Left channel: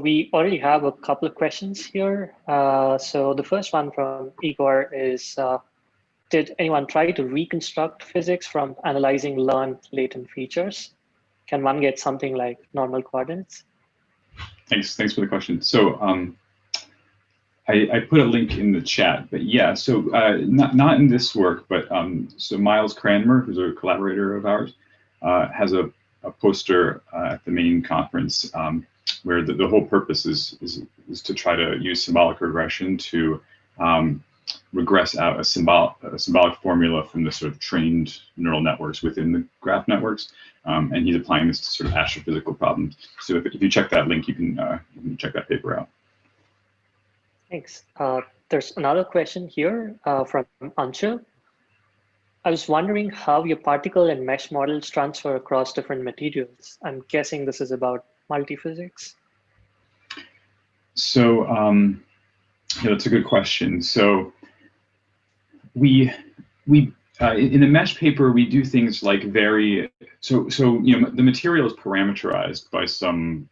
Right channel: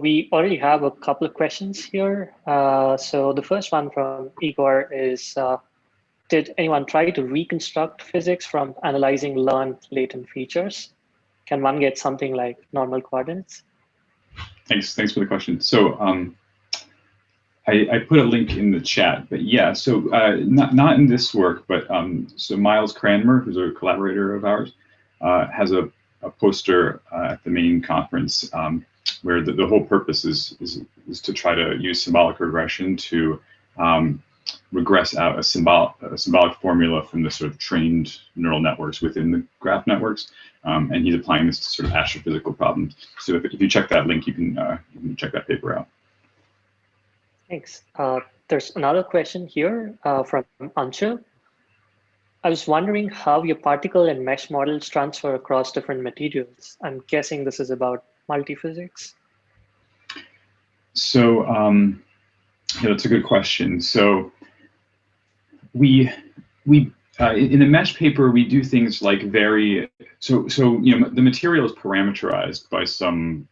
we already have a couple of questions here. So the first one from Igor is, did anyone try to reconstruct physics from analyzing learned latent features? Can one get something like normal coordinates? Thanks for the question. So I put a link in the chat, but yeah, so not in this work, but so Miles Cranmer, who's a collaborator of ours, has a poster at the main conference where the whole purpose is to try to use symbolic regression to regress out a symbolic formula from the sort of trained neural networks within the graph networks, and he's applying this to sort of astrophysical problems. So if you check that link, you can check that paper out. Thanks. There's another question here from Anshul. I was wondering how your particle and mesh models transfer across different materials. I'm guessing this is about multiphysics. So yeah, that's a good question. So we in the mesh paper, we do things like so you know, the material is parameterized by some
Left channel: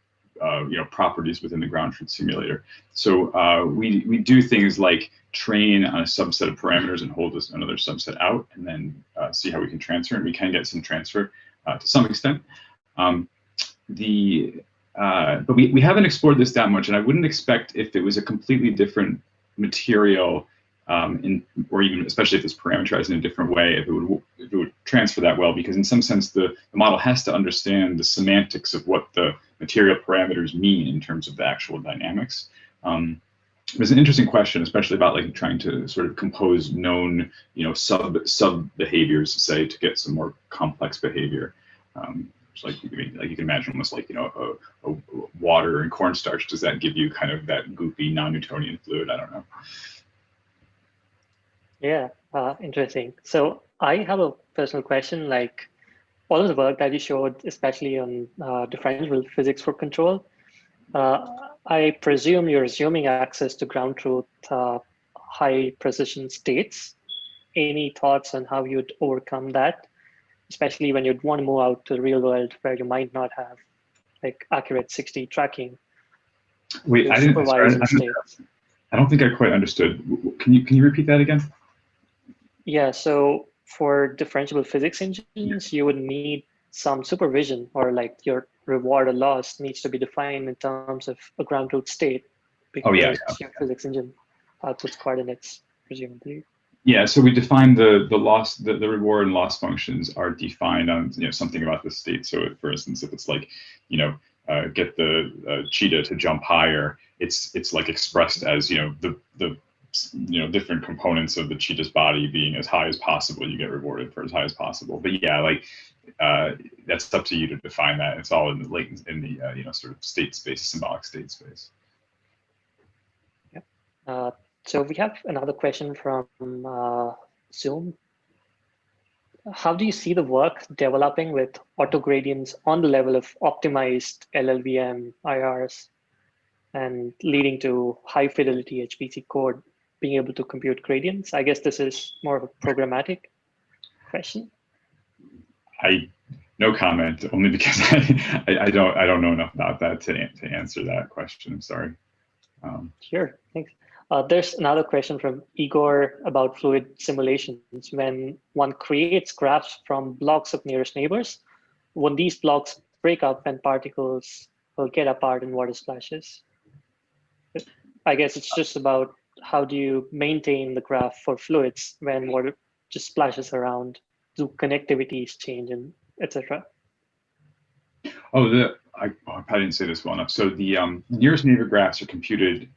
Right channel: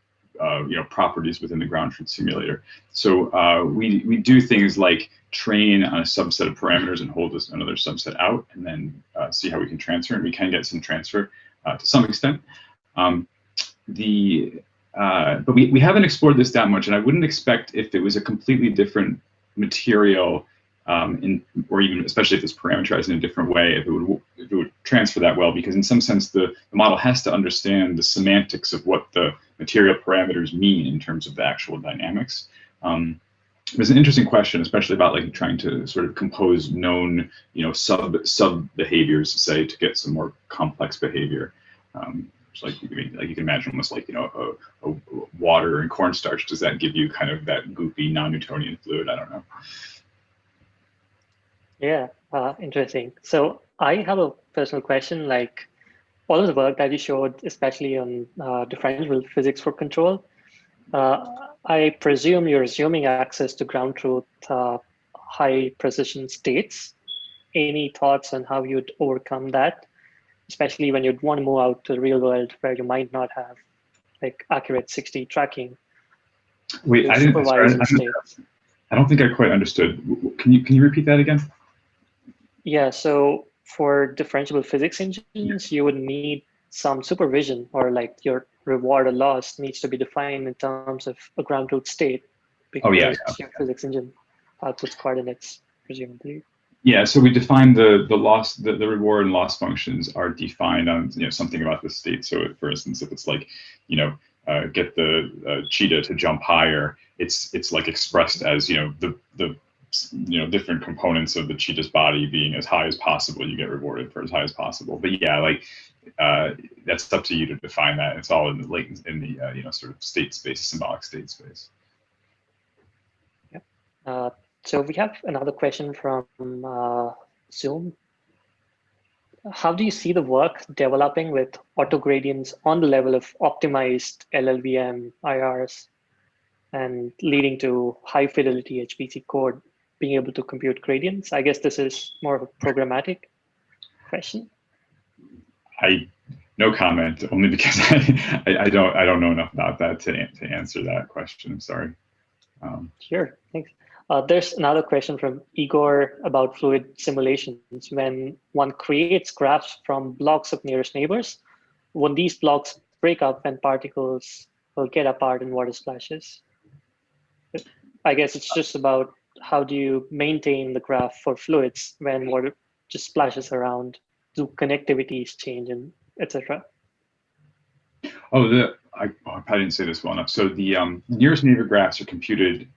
you know, properties within the ground truth simulator. So we do things like train on a subset of parameters and hold another subset out, and then see how we can transfer. And we can get some transfer to some extent. But we haven't explored this that much, and I wouldn't expect, if it was a completely different material, or even especially if it's parameterized in a different way, if it would transfer that well, because in some sense the model has to understand the semantics of what the material parameters mean in terms of the actual dynamics. There's an interesting question, especially about like trying to sort of compose known, you know, sub behaviors, say, to get some more complex behavior. So like you can imagine almost like, you know, a water and cornstarch. Does that give you kind of that goopy non-Newtonian fluid? I don't know. Yeah, interesting. So I have a personal question, like all of the work that you showed, especially on differentiable physics for control, I presume you're assuming access to ground truth high precision states. Any thoughts on how you'd overcome that, especially when you'd want to move out to the real world where you might not have like accurate 6D tracking? Wait, I don't think I quite understood. Can you repeat that again? Yeah, so for differentiable physics engines, you would need some supervision, or like your reward or loss needs to be defined in terms of a ground truth state, because your physics engine outputs coordinates, presumably. Yeah, so we define the loss, the reward and loss functions are defined on, you know, something about the state. So for instance, if it's like, you know, get the cheetah to jump higher, it's like expressed as, you know, the you know, different components of the cheetah's body being as high as possible, you get rewarded for as high as possible. But yeah, like that's up to you to define that. It's all in the latent, in the you know, sort of state space, symbolic state space. Yeah. So we have another question from Zoom. How do you see the work developing with autogradients on the level of optimized LLVM IRs and leading to high fidelity HPC code being able to compute gradients? I guess this is more of a programmatic question. No comment, only because I don't know enough about that to answer that question. I'm sorry. Sure, thanks. There's another question from Igor about fluid simulations. When one creates graphs from blocks of nearest neighbors, when these blocks break up and particles will get apart in water splashes. I guess it's just about how do you maintain the graph for fluids when water just splashes around, do connectivities change, and etc. Oh, I probably didn't say this well enough. So the nearest neighbor graphs are computed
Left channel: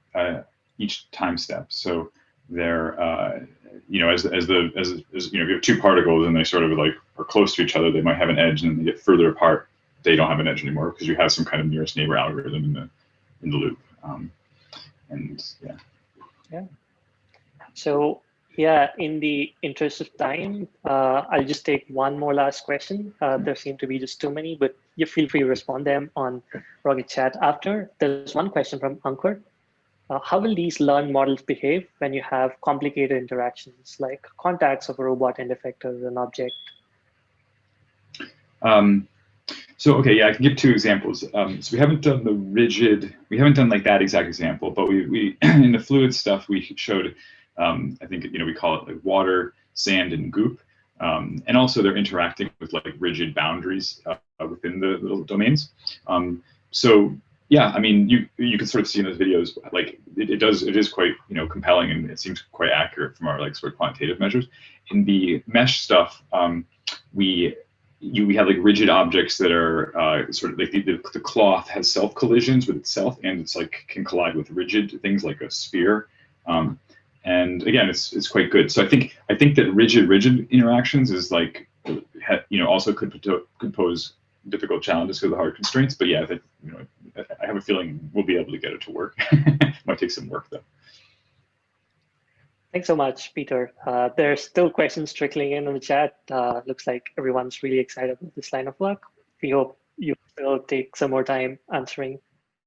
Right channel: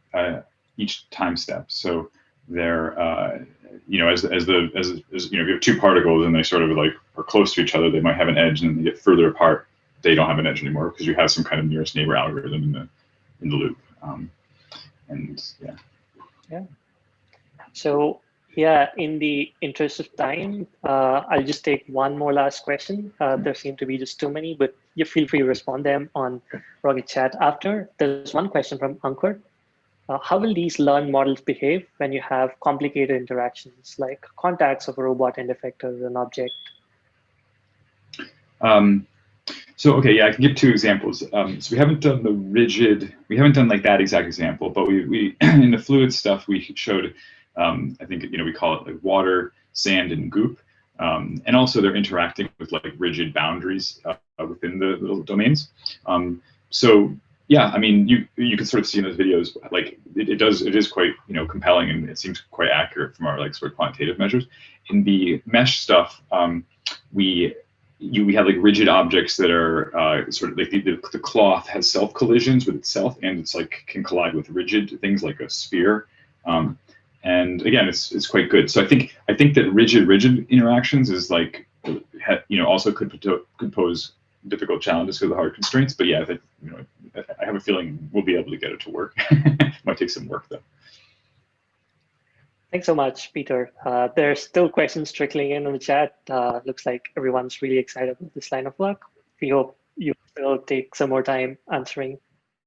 each time step. So they're you know, as you know, if you have two particles and they sort of like are close to each other, they might have an edge, and then they get further apart, they don't have an edge anymore because you have some kind of nearest neighbor algorithm in the loop. And yeah. Yeah. So yeah, in the interest of time, I'll just take one more last question. There seem to be just too many, but you feel free to respond them on Rocket Chat after. There's one question from Ankur. How will these learned models behave when you have complicated interactions like contacts of a robot and effector and object? So okay, yeah, I can give two examples. So we haven't done the rigid, we haven't done like that exact example, but we in the fluid stuff we showed, I think we call it like water, sand, and goop, and also they're interacting with like rigid boundaries within the little domains. So yeah, I mean you can sort of see in those videos like it is quite compelling, and it seems quite accurate from our like sort of quantitative measures. In the mesh stuff, we have like rigid objects that are sort of like the cloth has self collisions with itself, and it's like can collide with rigid things like a sphere. And again, it's quite good. So I think that rigid interactions is like also could pose difficult challenges for the hard constraints. But yeah, that I have a feeling we'll be able to get it to work. Might take some work though. Thanks so much, Peter. There's still questions trickling in the chat. Looks like everyone's really excited with this line of work. We hope you will take some more time answering